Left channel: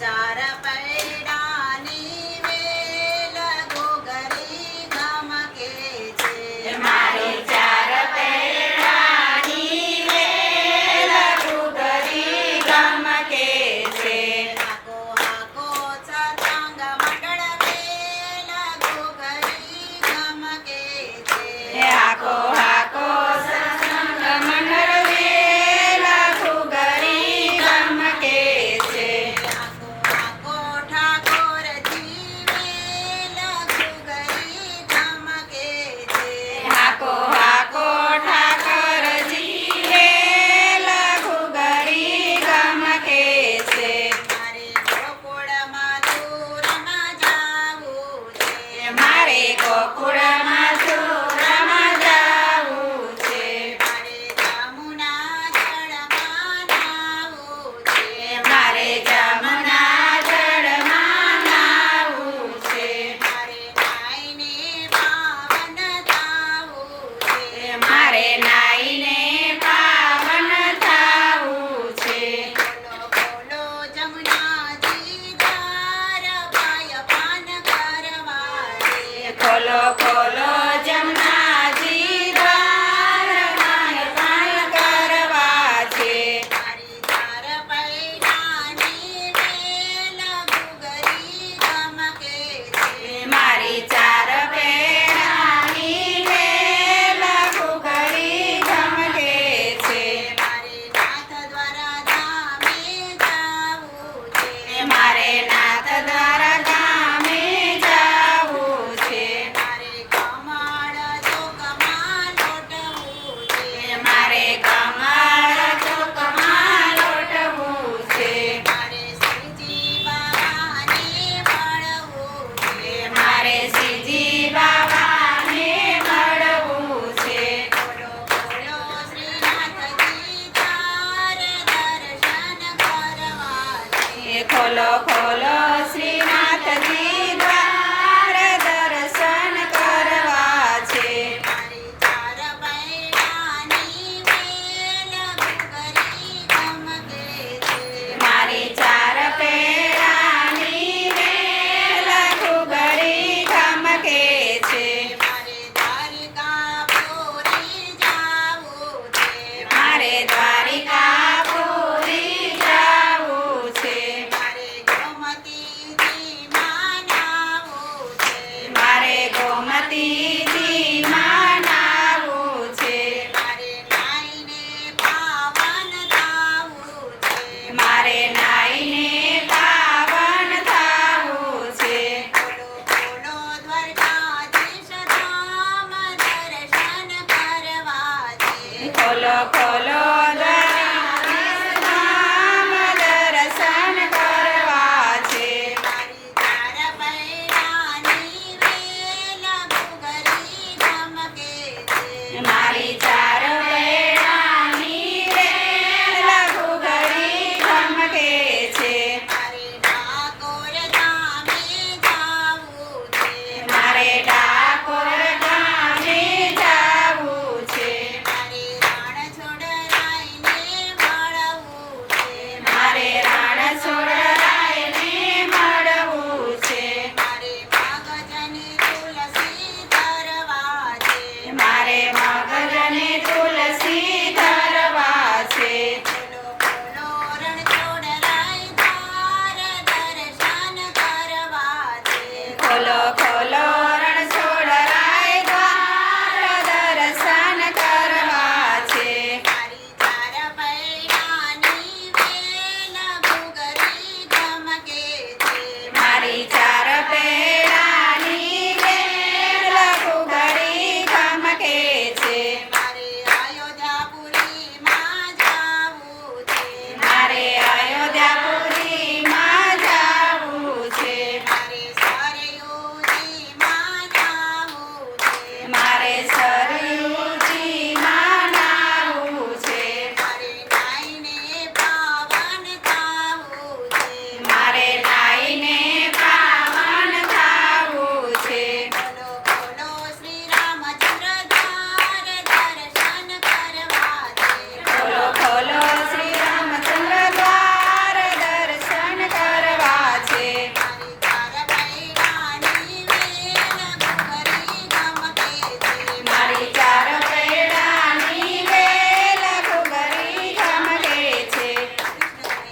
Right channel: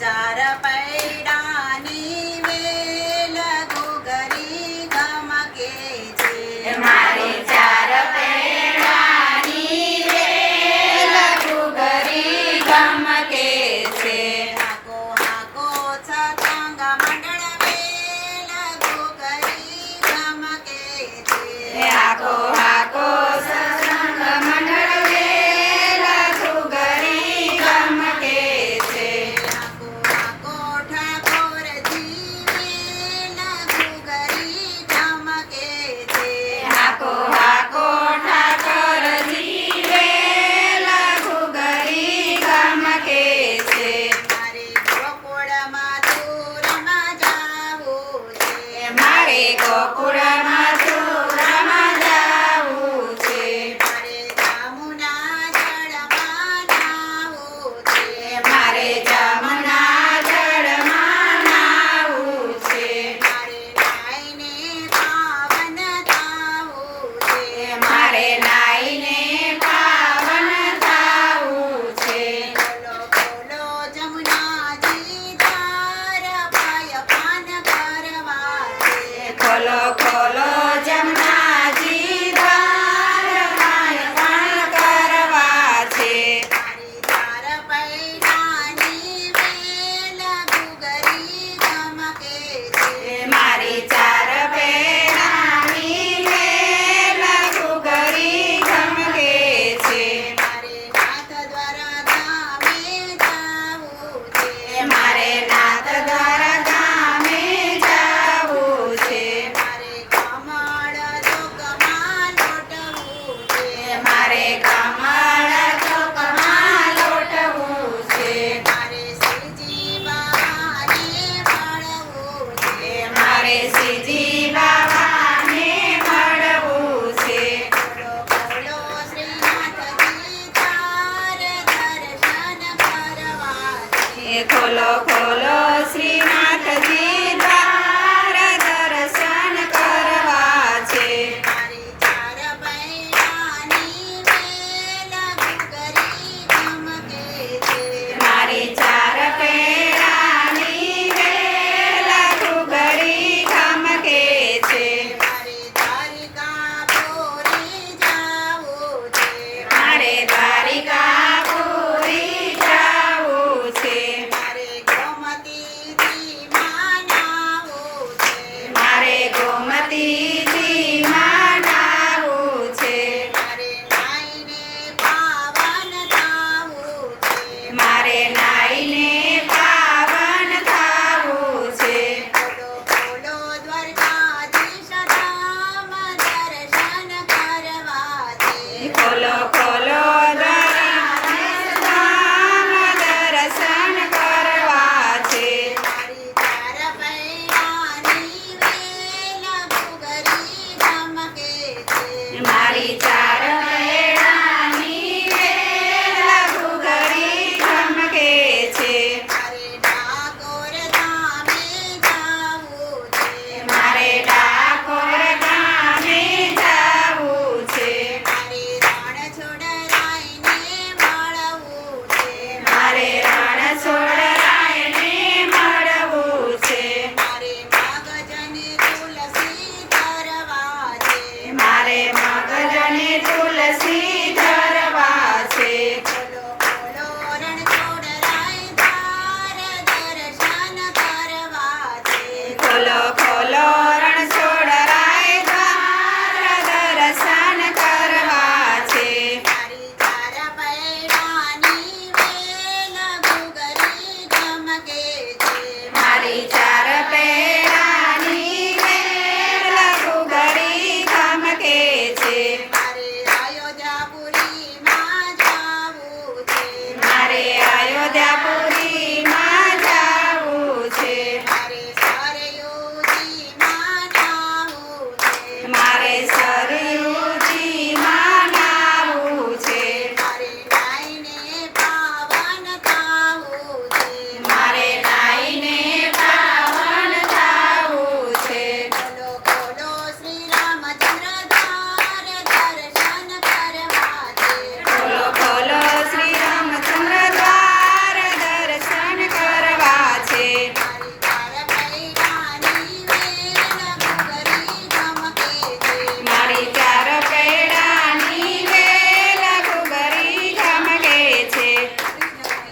ચાર પૈડાની વેલ ઘૂઘરી ગમકે છે. મારી ચાર પૈડાની વેલ ઘૂઘરી ગમકે છે. હાકો હાકો સત્સંગ મંડળ વેલ ઘૂઘરી ગમકે છે. હાકો હાકો સત્સંગ મંડળ વેલ ઘૂઘરી ગમકે છે. હાકો હાકો ઠાકોરજી વેલ ઘૂઘરી ગમકે છે. હાકો હાકો ઠાકોરજી વેલ ઘૂઘરી ગમકે છે. મારે ગોકુળમાં તુરમાં જાવું છે. મારે ગોકુળમાં તુરમાં જાવું છે. મારે જામુના જળમાં નાવું છે. મારે જમુના જળમાં નાવું છે. મારે નાઈને પાવન થાવું છે. મારે નાઈને પાવન થાવું છે. બોલો બોલો જમુનાજી ધાર પાય પાન કરવા છે. ખોલો ખોલો જમનાજી દ્વાર પાય પાય કરવા છે. મારી ચાર પૈડાની વેલ ઘૂઘરી ગમકે છે. મારી ચાર પેડાની વેલ ઘૂઘરી ગમકે છે. મારે નાથ દ્વારા ધામે જાવું છે. મારે નાથ દ્વારા ગામે જાવું છે. મારે કમળ ચોકમાં લોટવું છે. મારે કમળ ચોકમાં લોટવું છે. મારે શ્રીજી બાબાને મળવું છે. મારે શ્રીજી બાબાને મળવું છે. બોલો બોલો શ્રીનાથજી તાર દર્શન કરવા છે. ખોલો ખોલો શ્રીનાથજી દ્વાર દર્શન કરવા છે. મારી ચાર પૈડાની વેલ ઘૂઘરી ગમકે છે. મારી ચાર પેડાની વેલ ઘૂઘરી ગમકે છે. મારે દ્વારિકા પૂરી જાવું છે. મારે દ્વારિકા પૂરી જાવું છે. મારે ગોમતીજી માં નાવું છે. મારે ગોમતીજીમાં નાવું છે. મારે નાઈને પાવન થાવું છે. મારે નાઈને પાવન થાવું છે. બોલો બોલો દ્વારકાધીશ ધામ દર્શન કરવા છે. ખોલો ખોલો દ્વારિકાધીશ ધામ દર્શન કરવા છે. મારી ચાર પૈડાની વેલ ઘૂઘરી ગમકે છે. મારી ચાર પેડાની વેલ ઘૂઘરી ગમકે છે. મારે ઠાકોર ધામે જાવું છે. મારે ડાકોર ગામે જાવું છે. મારે રણ છોડરાઈને મળવું છે. મારે રાણ છોડરાયને મળવું છે. મારે મગજની તુલસી ધરવા છે. મારે મગજને તુલસી ધરવા છે. બોલો બોલો રણ છોડરાય ધાર દર્શન કરવા છે. ખોલો